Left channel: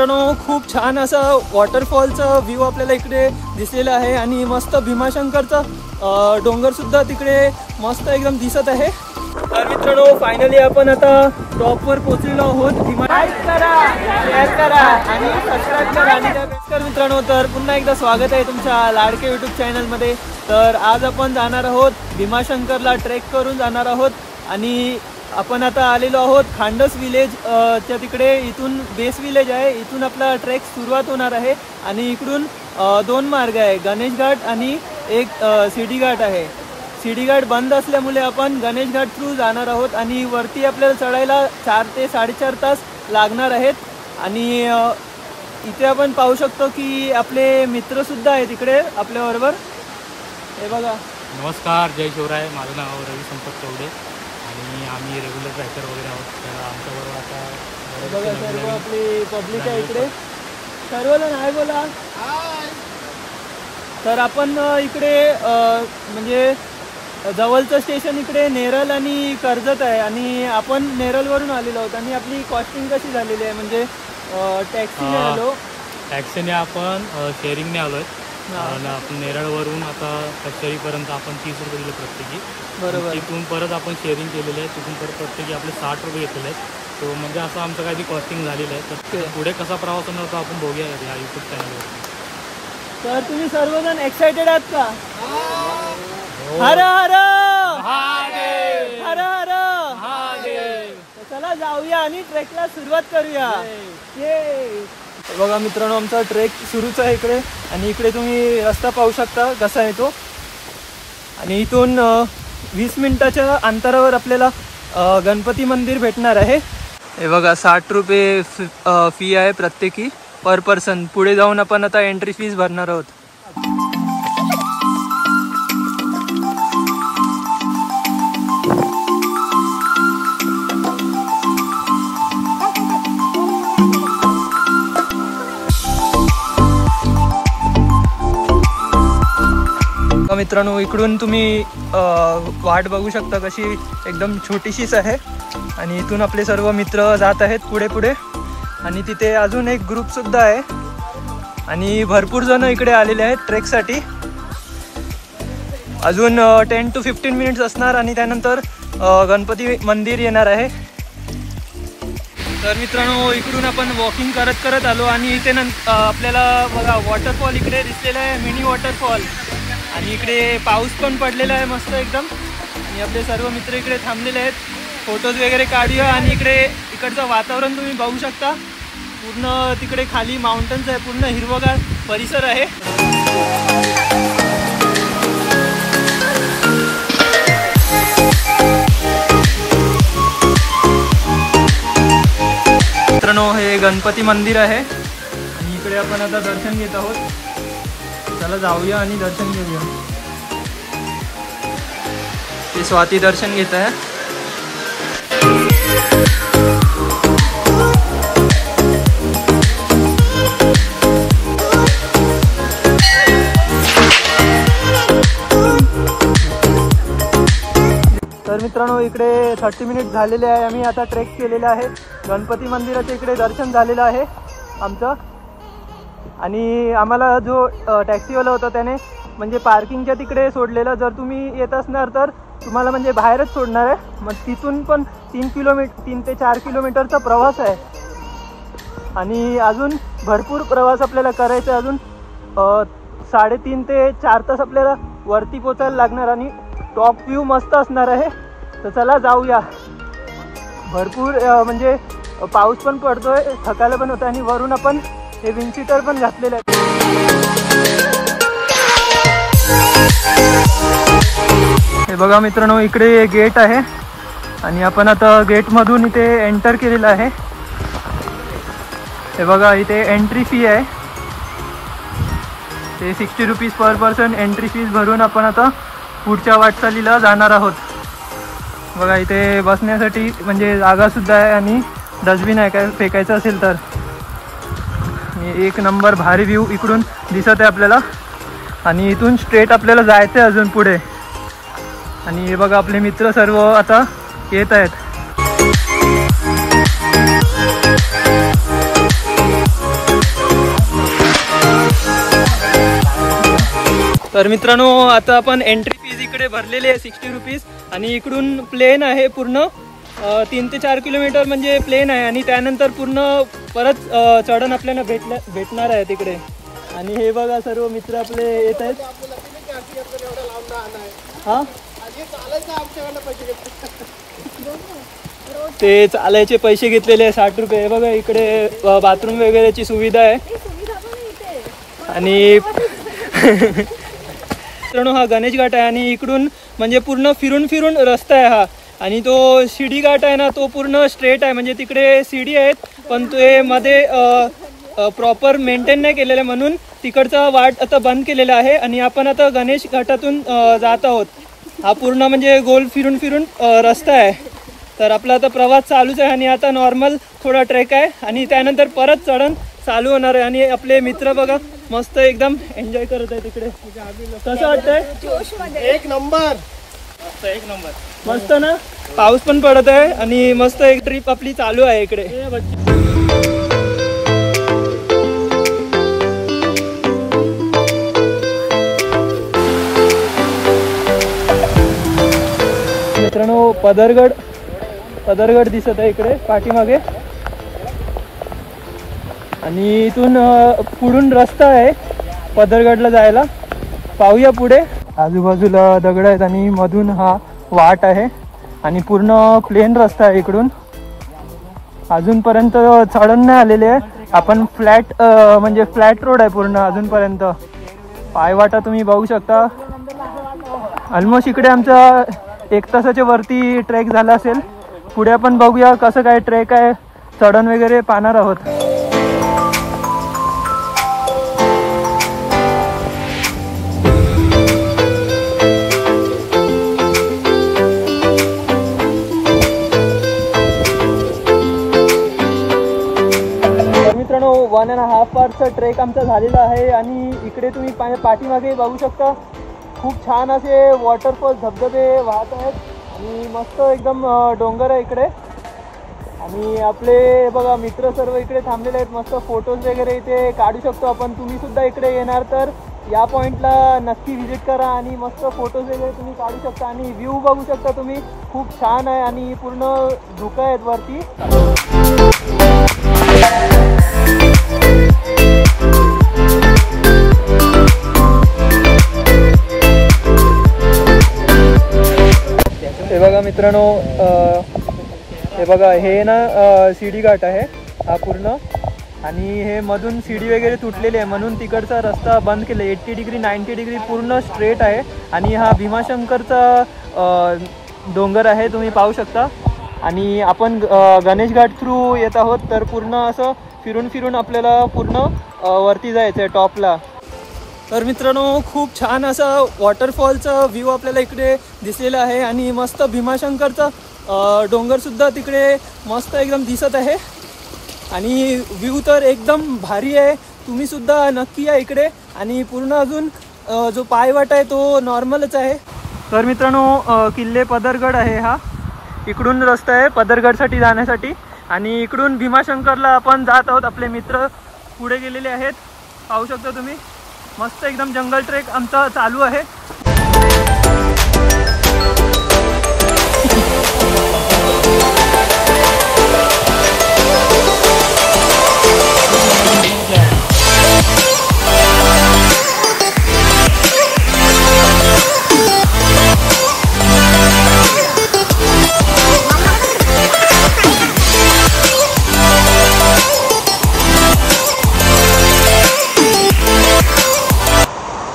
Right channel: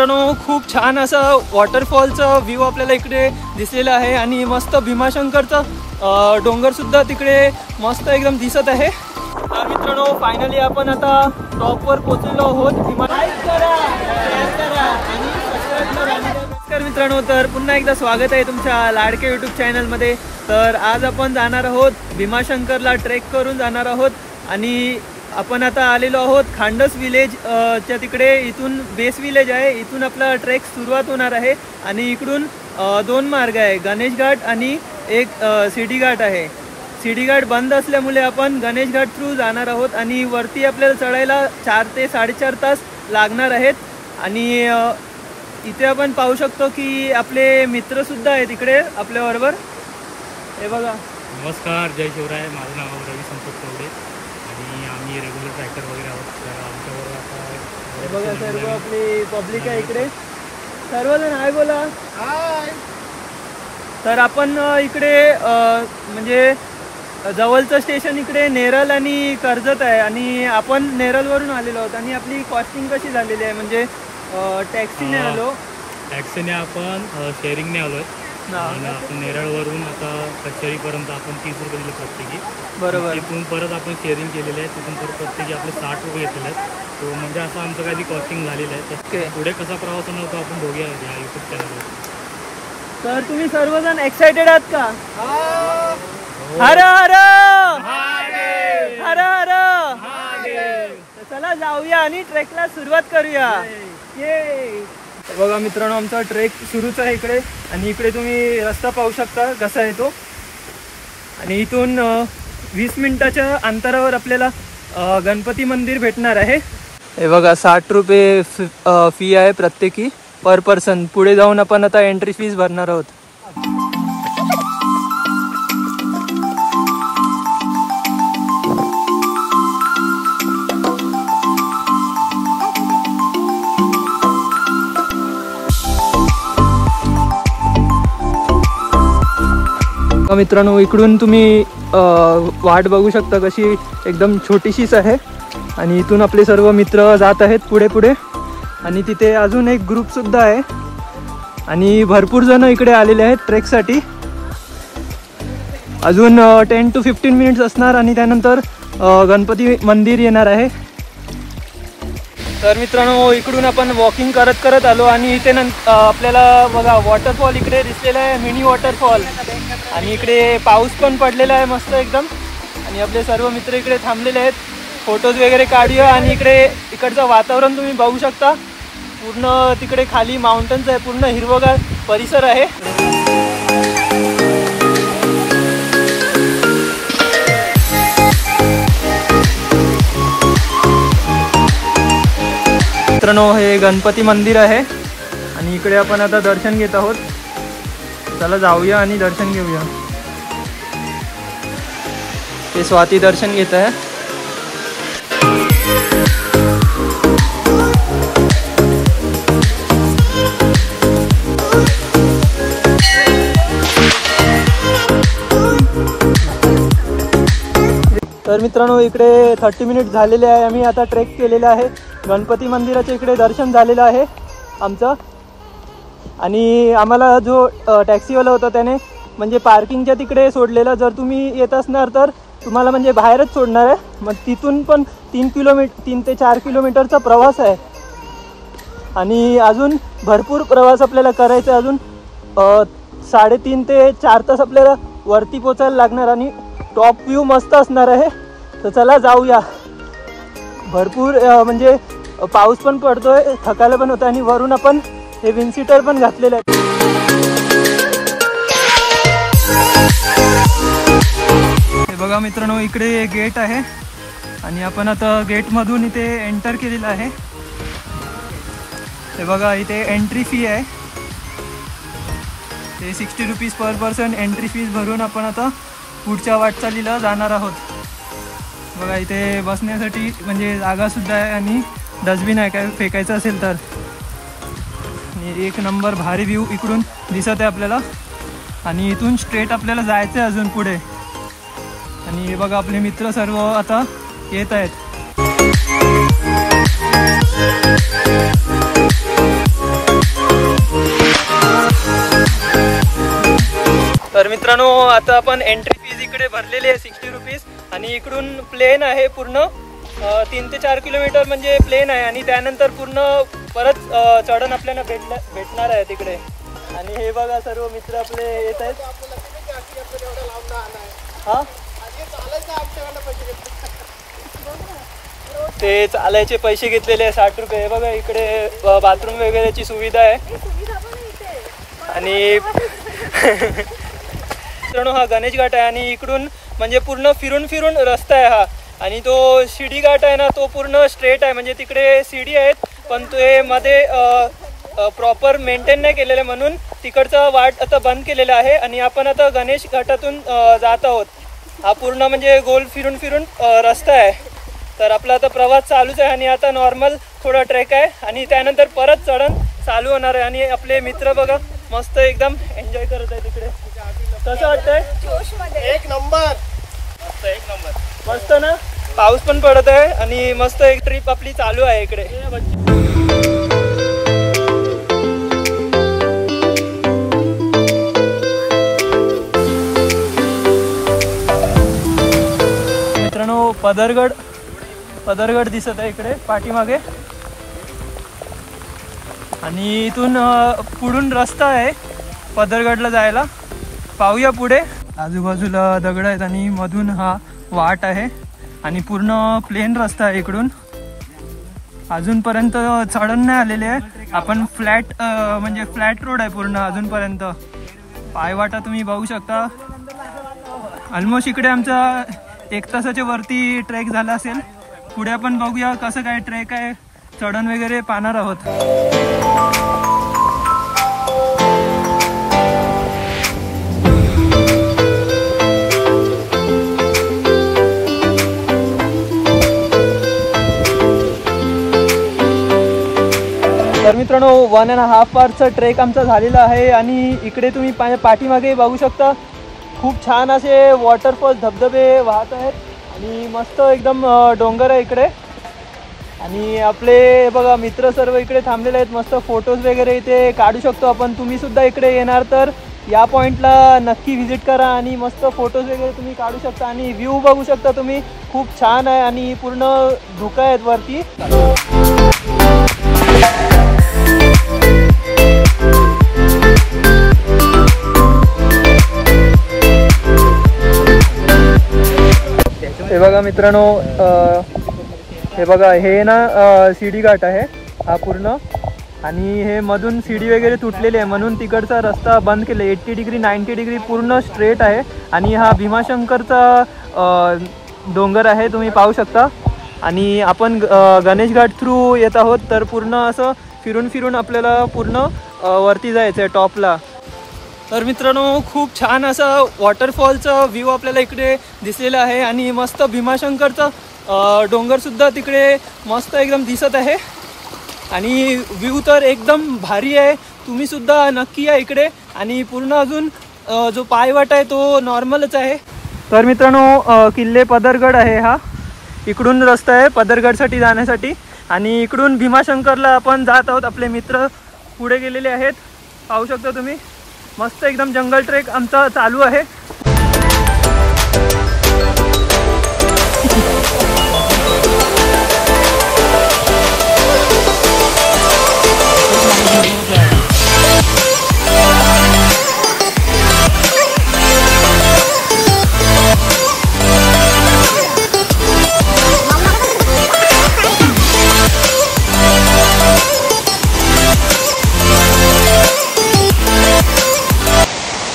मित्रांनो खूप छान असा वॉटरफॉलचा व्ह्यू आपल्याला इकडे दिसलेला आहे आणि मस्त भीमाशंकरचा डोंगर सुद्धा तिकडे मस्त एकदम दिसत आहे। तर मित्रांनो फायनली आपण आता टॉपवर पोहोचलेलो आहोत। लाईक करा, शेअर करा आणि सबस्क्राईब करा आणि नमस्कार मित्रांनो, तर पुन्हा एकदा स्वागत आहे तुमच्या लाडके यूट्यूब चॅनलमध्ये। तर आज आपण जाणार आहोत भीमाशंकरला, ट्रेक करून जाणार आहोत आणि आपण आता आलेलो आहोत खांडस विलेज च्या तिकडे। इथून बेस विलेज आहे, इथून आपला ट्रेक सुरुवात होणार आहे आणि इकडून दोन मार्ग आहे, गणेश घाट आणि एक सिडी घाट आहे। सिडी घाट बंद असल्यामुळे आपण गणेश घाट थ्रू जाणार आहोत आणि वरती आपल्याला चढायला 4 ते 4.5 तास लागणार आहेत। आणि इथे आपण पाहू शकतो की आपले मित्र सुद्धा आहेत इकडे आपल्या बरोबर। हे बघा, नमस्कार, जय शिवराय। माझं नाव रवी संपत कवडे आणि आम्ही रेग्युलर ट्रॅकर वगैरे आहोत। तर आमच्याबरोबर आता हे बघा सर्व आपली पब्लिक आहे इकडे, सर्वजण हाय बोला हाय। तर आपण इकडे म्हणजे जवळचं स्टेशन इकडे नेरळ आणि कर्जत आहे आणि आपण नेरळवरून आलेलो आहोत आणि आपली कॉस्टिंग कशी झालेली आहे म्हणजे टॅक्सीने आलो, टॅक्सीने आपण शेअरिंगने आलो आहे। आपण नेरळवरून आता कचेरीपर्यंत आपण 30 रुपये दिले प्रत्येकी, बरोबर। तिथून परत आपण शेअरिंग केलेले आहे, तिथून परत प्रत्येकी आपले 60 रुपये घेतलेले आहेत। तो म्हणजे असं आमचं काही कॉस्टिंग झालेलं आहे। तर पुढे कसा प्रवास होणार होता आपण बघूया या यूट्यूब चॅनलवर। तर तुम्ही सर्वजण एक्साइटेड आहात का? हर हर हर हर, चला जाऊया आणि ट्रेकला सुरुवात करूया। ये बघा मित्रांनो, आमचा ट्रेक सुरूच आहे इकडे आणि इकडे तुम्ही रस्ता पाहू शकता कसा आहे तो। आणि इथून 20 मिनिटाच्या अंतरावर आपल्याला गणपती मंदिर भेटणार आहे। हे बघा 60 रुपये फी आहे प्रत्येकी पर पर्सन। पुढे जाऊन आपण आता एंट्री फीस भरणार आहोत। मित्रांनो इकडून तुम्ही वाट बघू शकता कशी एकदम छोटीशीच आहे आणि इथून आपले सर्व मित्र जात आहेत पुढे पुढे आणि तिथे अजून एक ग्रुप सुद्धा आहे आणि भरपूर जण इकडे आलेले आहेत ट्रेकसाठी। अजून 10 to 15 मिनिट्स असणार आणि त्यानंतर गणपती मंदिर येणार आहे। तर मित्रांनो इकडून आपण वॉकिंग करत करत आलो आणि इथे आपल्याला बघा वॉटरफॉल इकडे दिसलेला आहे, मिनी वॉटरफॉल। आणि इकडे पाऊस पण पडलेला आहे मस्त एकदम आणि आपले सर्व मित्र इकडे थांबलेले आहेत, फोटोज वगैरे काढूया। आणि इकडचं वातावरण तुम्ही बघू शकता, पूर्ण तिकडे खाली माउंटन्स आहे, पूर्ण हिरवगार परिसर आहे। मित्रांनो हे गणपती मंदिर आहे आणि इकडे आपण आता दर्शन घेत आहोत। चला जाऊया आणि दर्शन घेऊया। ते स्वाती दर्शन घेत आहे। तर मित्रांनो इकडे 30 मिनिट झालेले आहे, आम्ही आता ट्रेक केलेला आहे। गणपती मंदिराच्या इकडे दर्शन झालेलं आहे आमचं आणि आम्हाला जो टॅक्सीवाला होता त्याने म्हणजे पार्किंगच्या तिकडे सोडलेलं। जर तुम्ही येत असणार तर तुम्हाला म्हणजे बाहेरच सोडणार आहे। मग तिथून पण 3 ते 4 किलोमीटरचा प्रवास आहे आणि अजून भरपूर प्रवास आपल्याला करायचा आहे। अजून 3.5 ते 4 तास आपल्याला वरती पोचायला लागणार आणि टॉप व्ह्यू मस्त असणार आहे। तर चला जाऊया। भरपूर म्हणजे पाऊस पण पडतोय, थकायला पण होतं आणि वरून आपण हे विंडशीटर पण घातलेले आहे। हे बघा मित्रांनो इकडे गेट आहे आणि आपण आता गेटमधून इथे एंटर केलेलं आहे। हे बघा इथे एंट्री फी आहे, ते 60 rupees per person entry fees भरून आपण आता पुढच्या वाटचालीला जाणार आहोत। बघा इथे बसण्यासाठी म्हणजे जागा सुद्धा आहे आणि डस्टबिन आहे काय फेकायचं असेल तर। आणि एक नंबर भारी व्ह्यू इकडून दिसत आहे आपल्याला आणि इथून स्ट्रेट आपल्याला जायचं आहे अजून पुढे। आणि हे बघा आपले मित्र सर्व आता येत आहेत। मित्रांनो आता आपण एंट्री फीज इकडे भरलेली आहे 60 रुपीज आणि इकडून प्लेन आहे पूर्ण 3 ते 4 किलोमीटर म्हणजे प्लेन आहे आणि त्यानंतर पूर्ण परत चढण आपल्याला भेटणार आहे तिकडे. आणि हे बघा सर्व मित्र आपले येत आहेत. हा ते चालायचे पैसे घेतलेले 60 रुपये. बघा इकडे बाथरूम वगैरेची सुविधा आहे. आणि मित्रांनो हा गणेश घाट आहे आणि इकडून म्हणजे पूर्ण फिरून फिरून रस्ता आहे हा. आणि तो शिडी घाट आहे ना तो पूर्ण स्ट्रेट आहे म्हणजे तिकडे सीडी आहेत पण ते मध्ये प्रॉपर मेंटेन नाही केलेलं म्हणून तिकडचा वाट आता बंद केलेला आहे. आणि आपण आता गणेश घाटातून जात आहोत. हा पूर्ण म्हणजे गोल फिरून फिरून रस्ता आहे. तर आपला आता प्रवास चालूच आहे आणि आता नॉर्मल थोडा ट्रेक आहे आणि त्यानंतर परत चढण चालू होणार आहे. आणि आपले मित्र बघा मस्त एकदम एन्जॉय करत आहे तिकडे. कसं वाटतंय? एक नंबर मस्त ना. पाऊस पण पडत आहे आणि मस्त एक ट्रिप आपली चालू आहे इकडे. मित्रांनो पदरगड दिसत आहे इकडे पाठीमागे आणि इथून पुढून रस्ता आहे पदरगडला जायला. पाहूया पुढे. आजूबाजूला दगड आहेत आणि मधून हा वाट आहे आणि पूर्ण प्लेन रस्ता आहे. इकडून अजूनपर्यंत चढण नाही आलेले आहे. आपण फ्लॅट म्हणजे फ्लॅट रोड आहे पूर्ण अजूनपर्यंत. पायवाटा तुम्ही बघू शकता. ऑलमोस्ट इकडे आमचा 1 तासाच्या वरती ट्रेक झाला असेल. पुढे आपण बघूया कसं काय ट्रेक आहे. चढण वगैरे पाहणार आहोत. तर मित्रांनो 1.5 आवरचा ट्रेक आमचा झालेला आहे आणि इकडे तुम्ही पाठीमागे बघू शकता खूप छान असे वॉटरफॉल धबधबे वाहत आहेत आणि मस्त एकदम डोंगर आहे इकडे. आणि आपले बघा मित्र सर्व इकडे थांबलेले आहेत. मस्त फोटोज वगैरे इथे काढू शकतो आपण. तुम्ही सुद्धा इकडे येणार तर या पॉईंटला नक्की व्हिजिट करा आणि मस्त फोटोज वगैरे तुम्ही काढू शकता. आणि व्ह्यू बघू शकता तुम्ही खूप छान आहे आणि पूर्ण धुकं आहेत वरती. हे बघा मित्रांनो हे बघा हे ना सीडी घाट आहे हा पूर्ण. आणि हे मधून सीडी वगैरे तुटलेली आहे म्हणून तिकडचा रस्ता बंद केला. 80 डिग्री 90 डिग्री पूर्ण स्ट्रेट आहे. आणि हा भीमाशंकरचा डोंगर आहे तुम्ही पाहू शकता. आणि आपण गणेश घाट थ्रू येत आहोत तर पूर्ण असं फिरून फिरून आपल्याला पूर्ण वरती जायचं आहे टॉपला. तर मित्रांनो खूप छान असा वॉटरफॉलचा व्ह्यू आपल्याला इकडे दिसलेला आहे आणि मस्त भीमाशंकरचा डोंगर सुद्धा तिकडे मस्त एकदम दिसत आहे. आणि व्ह्यू तर एकदम भारी आहे. तुम्ही सुद्धा नक्की या इकडे. आणि पूर्ण अजून जो पायवाट आहे तो नॉर्मलच आहे. तर मित्रांनो किल्ले पदरगड आहे हा. इकडून रस्ता आहे पदरगडसाठी जाण्यासाठी आणि इकडून भीमाशंकरला आपण जात आहोत. आपले मित्र पुढे गेलेले आहेत पाहू शकता तुम्ही. मस्त एकदम जंगल ट्रेक आमचा चालू आहे.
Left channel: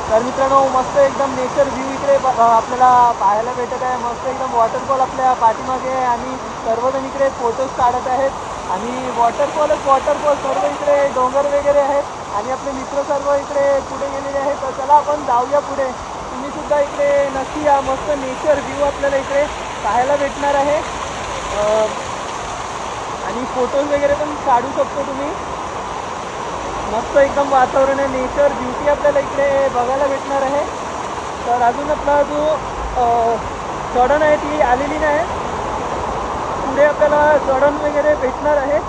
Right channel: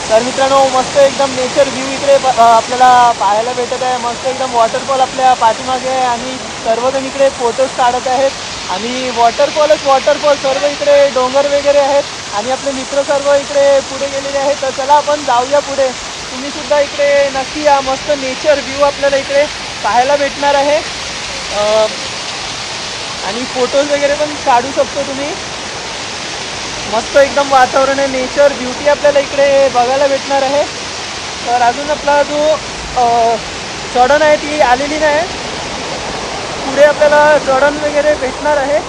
तर मित्रांनो मस्त एकदम नेचर व्ह्यू इकडे आपल्याला पाहायला भेटत आहे. मस्त एकदम वॉटरफॉल आपल्या पाठीमागे आहे आणि सर्वजण इकडे फोटोज काढत आहेत. आणि वॉटरफॉल सर्व इकडे डोंगर वगैरे आहेत आणि आपले मित्र सर्व इकडे पुढे गेलेले आहेत. तर चला आपण जाऊया पुढे. तुम्ही सुद्धा इकडे नक्की या. मस्त नेचर व्ह्यू आपल्याला इकडे पाहायला भेटणार आहे आणि फोटोज वगैरे पण काढू शकतो तुम्ही. मस्त एकदम वातावरण आहे. नेचर ब्युटी आपल्याला इकडे बघायला भेटणार आहे. तर अजून आपला जो चढण आहे ती आलेली नाही. पुढे आपल्याला चढण वगैरे भेटणार आहे.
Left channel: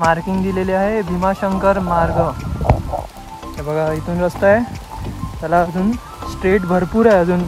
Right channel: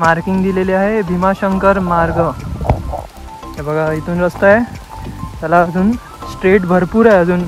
मार्किंग दिलेली आहे भीमाशंकर मार्ग. हे बघा इथून रस्ता आहे, त्याला अजून स्ट्रेट भरपूर आहे अजून.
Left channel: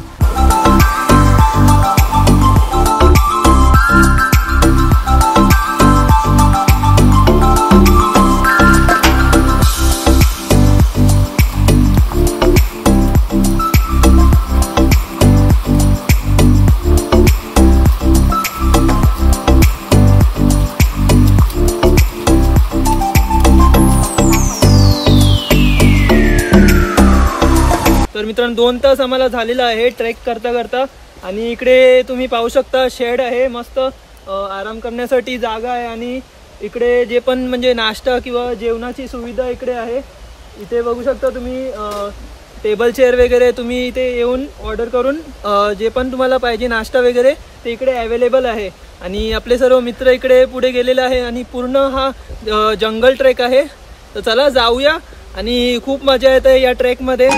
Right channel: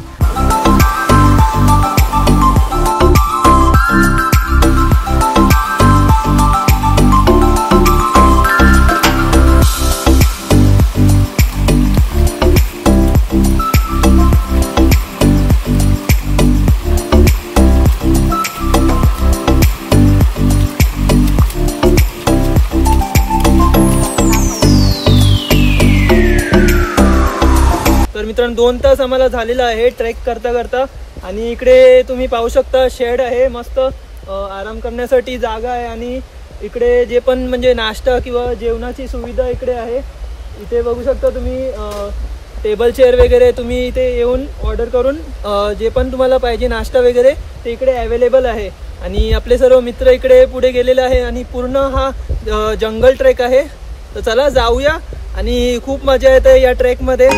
मित्रांनो 2 तास आम्हाला झालेला आहे ट्रेक करता करता. आणि इकडे तुम्ही पाहू शकता शेड आहे, मस्त आराम करण्यासाठी जागा आहे. आणि इकडे जे पण म्हणजे नाश्ता किंवा जेवणाची सुविधा इकडे आहे. इथे बघू शकता तुम्ही टेबल चेअर वगैरे तुम्ही इथे येऊन ऑर्डर करून जे पण तुम्हाला पाहिजे नाश्ता वगैरे ते इकडे अवेलेबल आहे. आणि आपले सर्व मित्र इकडे पुढे गेलेले आहे आणि पूर्ण हा जंगल ट्रेक आहे. तर चला जाऊया आणि खूप मजा येते या ट्रेकमध्ये.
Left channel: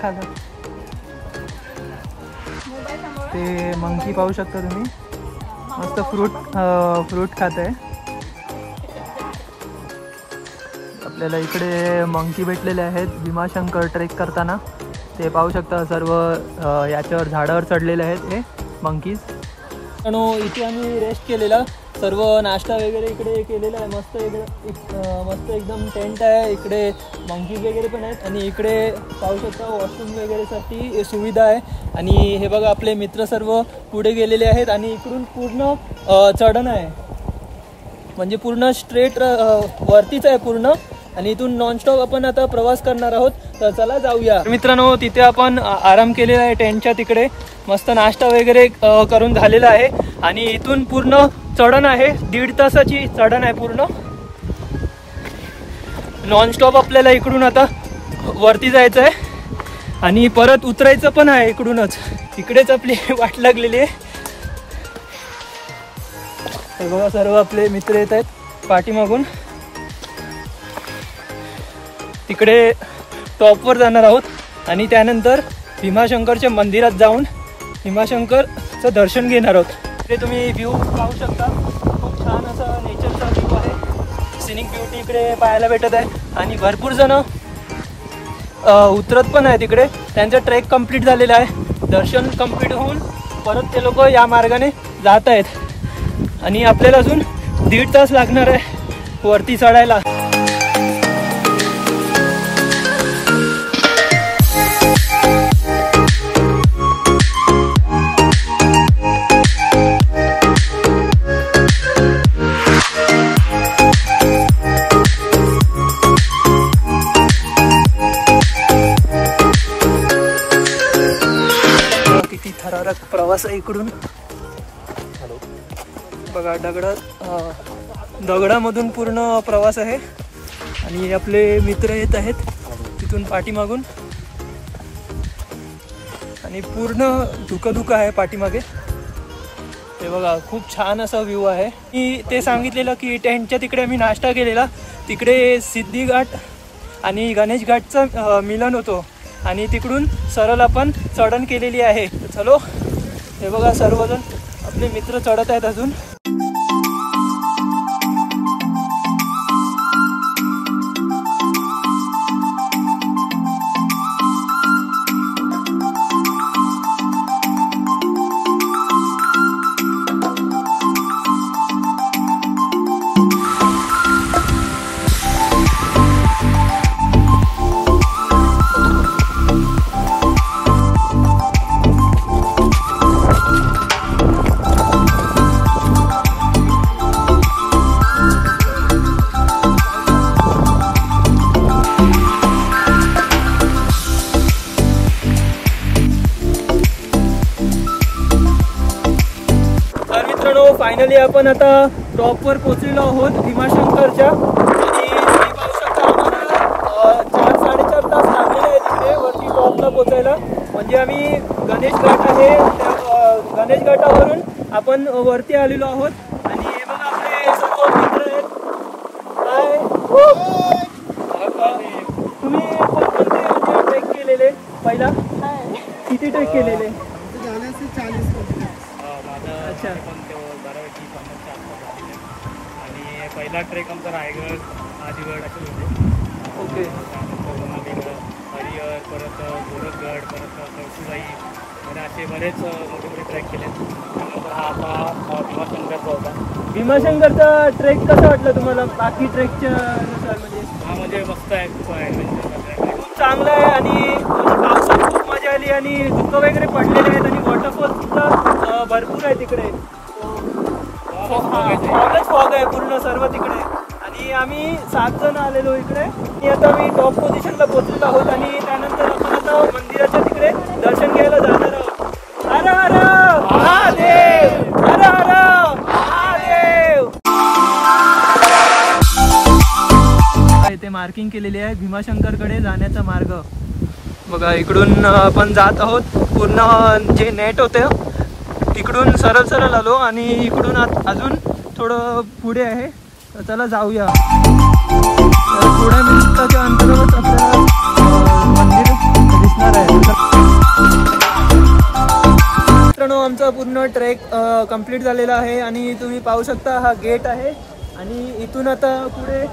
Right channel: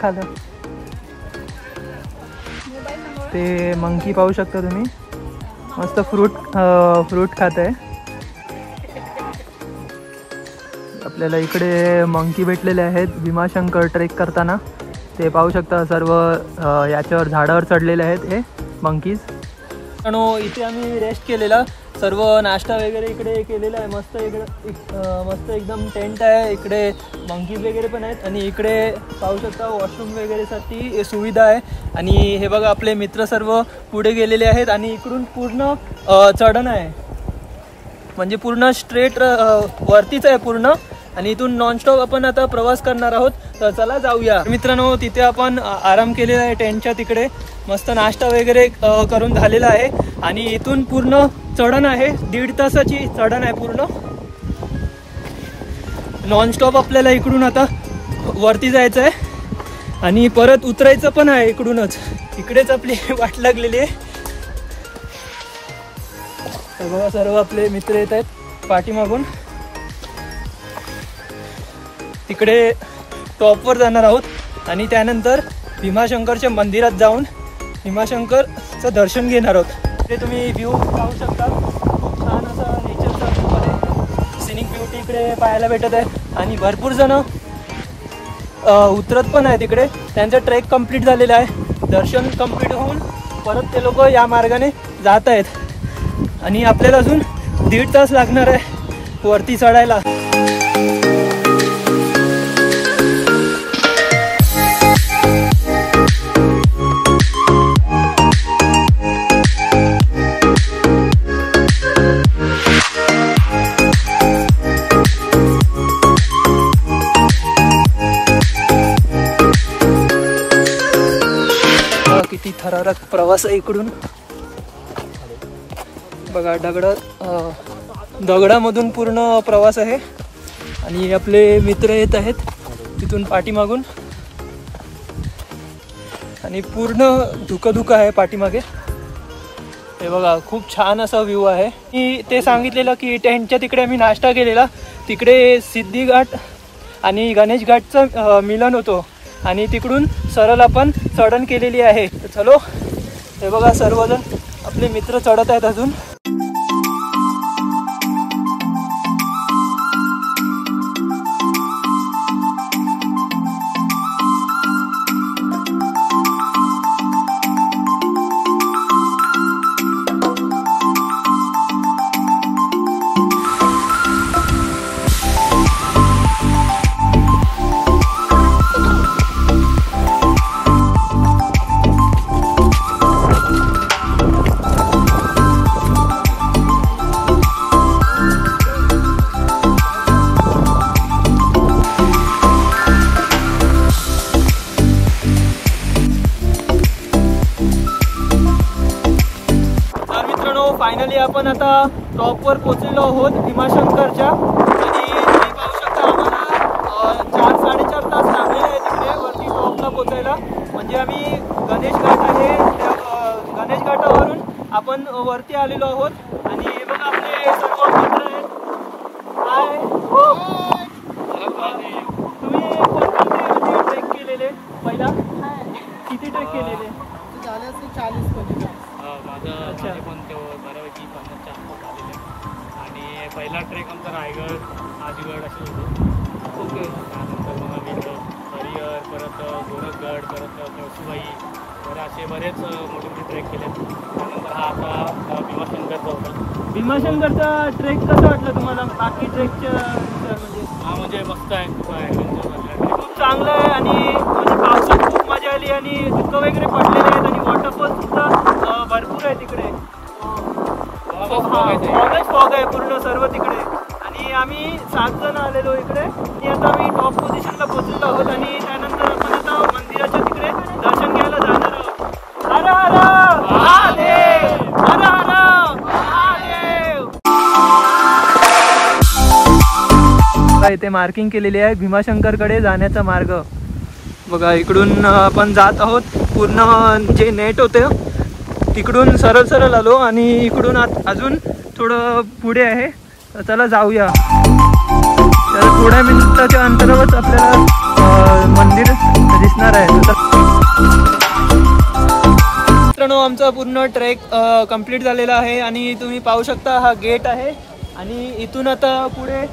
खालं ते मंकी पाहू शकता तुम्ही, मस्त फ्रूट खात आहे. आपल्याला इकडे मंकी भेटलेले आहेत भीमाशंकर ट्रेक करताना. ते पाहू शकता सर्व याच्यावर झाडावर चढलेले आहेत हे मंकीज. इथे आम्ही रेस्ट केलेला, सर्व नाश्ता वगैरे इकडे केलेला आहे. मस्त एकदम टेंट आहे. इकडे मंकीज वगैरे पण आहेत आणि इकडे पाहू शकता वॉशरूम वगैरेसाठी सुविधा आहे. आणि हे बघा आपले मित्र सर्व पुढे गेलेले आहेत आणि इकडून पूर्ण चढण आहे, म्हणजे पूर्ण स्ट्रेट वरतीच आहे पूर्ण. आणि इथून नॉनस्टॉप आपण आता प्रवास करणार आहोत. तर चला जाऊया मित्रांनो. तिथे आपण आराम केलेला आहे टेंटच्या तिकडे, मस्त नाश्ता वगैरे करून झालेला आहे. आणि इथून पूर्ण चढण आहे, 1.5 तासाची चढण आहे पूर्ण. नॉनस्टॉप आपल्याला इकडून आता वरती जायचं आहे आणि परत उतरायचं पण आहे इकडूनच. इकडेच आपली वाट लागलेली आहे. तर बघा सर्व आपले मित्र येत आहेत पाठीमागून. तिकडे टॉपवर जाणार आहोत आणि त्यानंतर भीमाशंकरच्या मंदिरात जाऊन भीमाशंकरचं दर्शन घेणार आहोत. ते तुम्ही व्ह्यू पाहू शकता, खूप छान असा नेचरचा व्ह्यू आहे. सिनिक ब्युटी इकडे पाहायला भेटत आहे. आणि भरपूर जण उतरत पण आहे तिकडे. त्यांचं ट्रेक कंप्लीट झालेलं आहे. दर्शन कंप्लीट होऊन परत ते लोक या मार्गाने जात आहेत. आणि आपल्याला अजून 1.5 तास लागणार आहे वरती चढायला. किती थरारक प्रवास आहे इकडून बघा. दगडामधून पूर्ण प्रवास आहे. आणि आपले मित्र येत आहेत तिथून पाठीमागून. आणि पूर्ण धुकं आहे पाठीमागे. हे बघा खूप छान असा व्ह्यू आहे. मी ते सांगितलेलं की टेंटच्या तिकडे आम्ही नाश्ता केलेला. तिकडे सिद्धी घाट आणि गणेश घाटचं मिलन होतो आणि तिकडून सरळ आपण चढण केलेली आहे. चलो हे बघा सर्वजण आपले मित्र चढत आहेत अजून. फायनली आपण आता टॉपवर पोहोचलेलो आहोत भीमाशंकरच्या. आणि 4-4.5 तास लागलेले आहेत तिथे वरती टॉपला पोहोचायला. म्हणजे आम्ही गणेश घाट आहे, गणेश घाटावरून आपण वरती आलेलो आहोत आणि हे बघा आपले सर्व मित्र आहेत. तुम्ही ट्रेक केलेले पहिला किती ट्रेक केलेले? माझं पण बऱ्यापैकी 50च्या आसपास झालेले आणि पहिला ट्रेक आमचा रायगड आदिगड असे होते. ओके. त्यानंतर मग हरिहर, परत गोरखगड, परत कळसुबाई, तर असे बरेच मोठे ट्रेक केले. आता भीमाशंकरचा होता. भीमाशंकरचा ट्रेक कसा वाटला तुम्हाला बाकी ट्रेकच्या म्हणजे? म्हणजे मस्त आहे, खूप चांगलं आहे आणि पावसात खूप मजा आली आणि धुकं वगैरे पडलेले आहेत आणि वॉटरफॉल सुद्धा भरपूर आहे तिकडे. फॉग आहे पूर्ण सर्व तिकडे आणि आम्ही 7 जण आलेलो इकडे आणि आता आम्ही टॉप पोझिशनला पोहोचलो आहोत आणि त्यानंतर आपण आता मंदिराच्या तिकडे दर्शन घ्यायला जाणार आहोत. हर हर महादेव, हर हर महादेव. इथे मार्किंग केलेली आहे भीमाशंकरकडे जाण्याचा मार्ग. बघा इकडून आपण जात आहोत. पूर्ण जे नेट होते इकडून सरळ सरळ आलो आणि इकडून अजून थोडं पुढे आहे. तर चला जाऊया. तर थोड्या मिनिटाच्या अंतरावरच आपल्याला मंदिर दिसणार आहे. मित्रांनो आमचा पूर्ण ट्रेक कंप्लीट झालेला आहे आणि तुम्ही पाहू शकता हा गेट आहे आणि इथून आता पुढे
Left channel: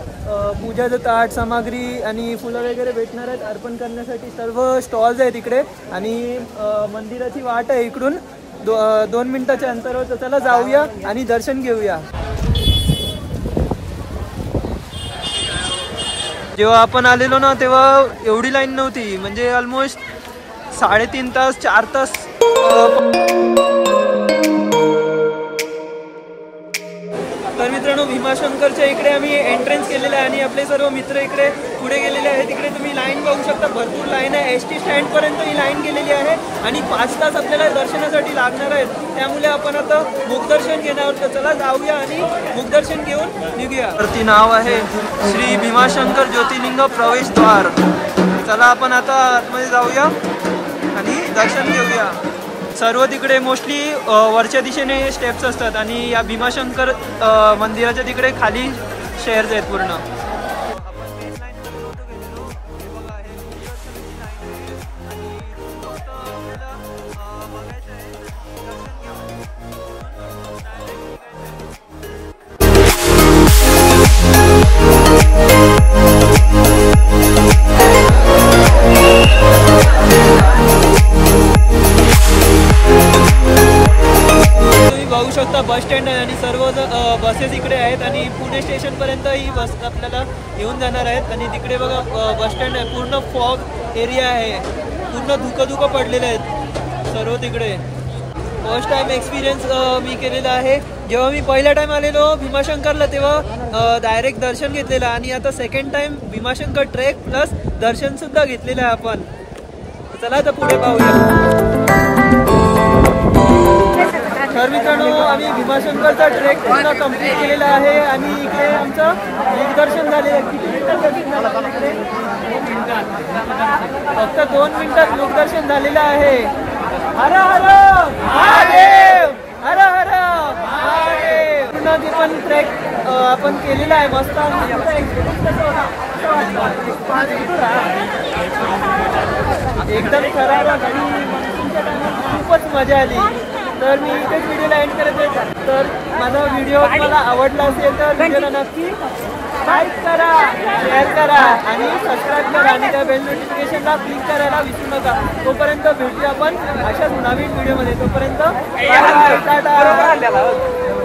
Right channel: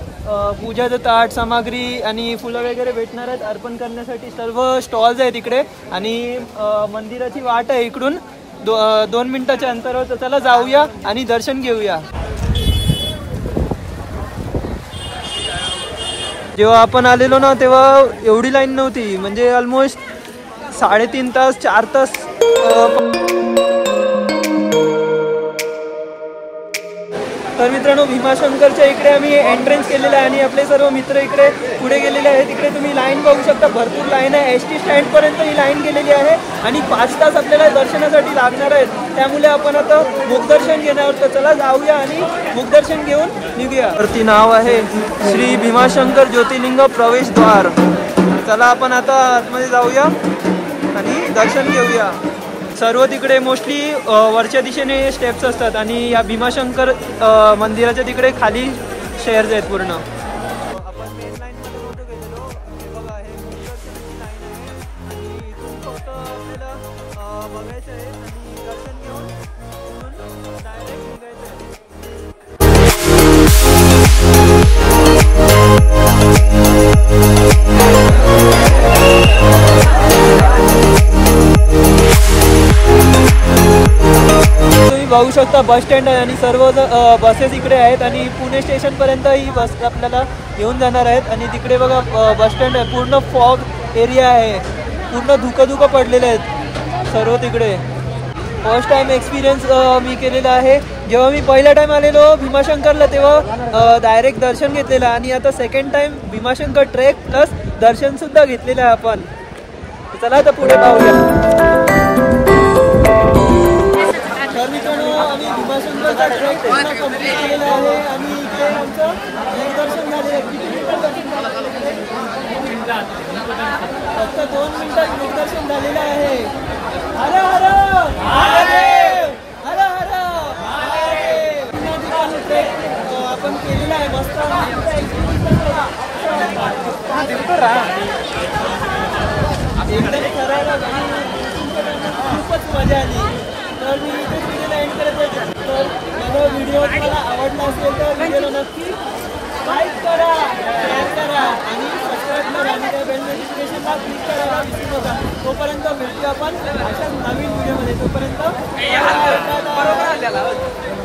पूजाचं ताट सामग्री आणि फुलं वगैरे भेटणार आहेत अर्पण करण्यासाठी. सर्व स्टॉल्स आहेत इकडे आणि मंदिराची वाट आहे इकडून 2 मिनिटाच्या अंतरावर. तर चला जाऊया आणि दर्शन घेऊया. जेव्हा आपण आलेलो ना तेव्हा एवढी लाईन नव्हती, म्हणजे ऑलमोस्ट 3.5 तास 4 तास. तर मित्रांनो भीमाशंकरच्या इकडे आम्ही एंट्रन्स केलेलं आहे आणि आपले सर्व मित्र इकडे पुढे गेलेले आहेत. तिकडे तुम्ही लाईन बघू शकता, भरपूर लाईन आहे. ST स्टँडपर्यंत ही लाईन गेलेली आहे आणि 5 तास आपल्याला दर्शनासाठी लागणार आहेत. त्यामुळे आपण आता मुखदर्शन घेणार. तर चला जाऊया आणि मुखदर्शन घेऊन निघूया. वरती नाव आहे श्री भीमाशंकर ज्योतिर्लिंग प्रवेशद्वार. चला आपण आता आतमध्ये जाऊया आणि दर्शन घेऊया. सर्व तिकडे मोस्टली वरच्या दिशेने स्टेप्स असतात आणि या भीमाशंकर मंदिराच्या तिकडे खाली स्टेअर्स आहेत पूर्ण. आपण मेन लाईनमध्ये नव्हतो गेलेलो. हे बघा हे मुखदर्शनाची लाईन आहे आणि इथून फक्त आपल्याला बघायचं आहे आणि दर्शन घेऊन इथून डायरेक्ट निघायचं आहे. बघू शकता बस स्टँड आहे आणि सर्व बसेस इकडे आहेत आणि पुणे स्टेशन पर्यंत ही बस आपल्याला घेऊन जाणार आहेत. आणि तिकडे बघा बस स्टँड आहे. पूर्ण फॉग एरिया आहे. पूर्ण धुकं पडलेले आहेत सर्व तिकडे. फर्स्ट टाइम एक्सपिरियन्स मी केलेला आहे. जेव्हा मी पहिला टाइम आलेलो भीमाशंकरला तेव्हा डायरेक्ट दर्शन घेतलेलं आणि आता second time Bhimashankar trek plus दर्शन सुद्धा घेतलेलं आहे आपण. चला आता पुढे पाहूया. तर मित्रांनो आम्ही भीमाशंकरचा ट्रेक पूर्ण कंप्लीट केलेला आहे आणि इकडे आमचं मुखदर्शन झालेलं आहे. किती मिनिटात दर्शन झालं आपल्या इकडे? फक्त 2 मिनिटात मुखदर्शन झालेलं आहे. हर हर महादेव, हर हर महादेव. पुन्हा ते पण ट्रेक आपण केलेला आहे मस्त. तुमचा एक्सपिरियन्स कसा होता? एकदम थरारक आणि मान्सूनच्या टायमात खूपच मजा आली. तर मी इथेच व्हिडिओला एंड करत आहे. तर माझा व्हिडिओ तुम्हाला आवडला असेल तर व्हिडिओला नक्की लाईक करा, शेअर करा आणि सबस्क्राईब करा आणि त्या बेल नोटिफिकेशनला क्लिक करायला विसरू नका. तोपर्यंत भेटूया आपण अशाच नवीन व्हिडिओमध्ये. तोपर्यंत बाय बाय, टाटा.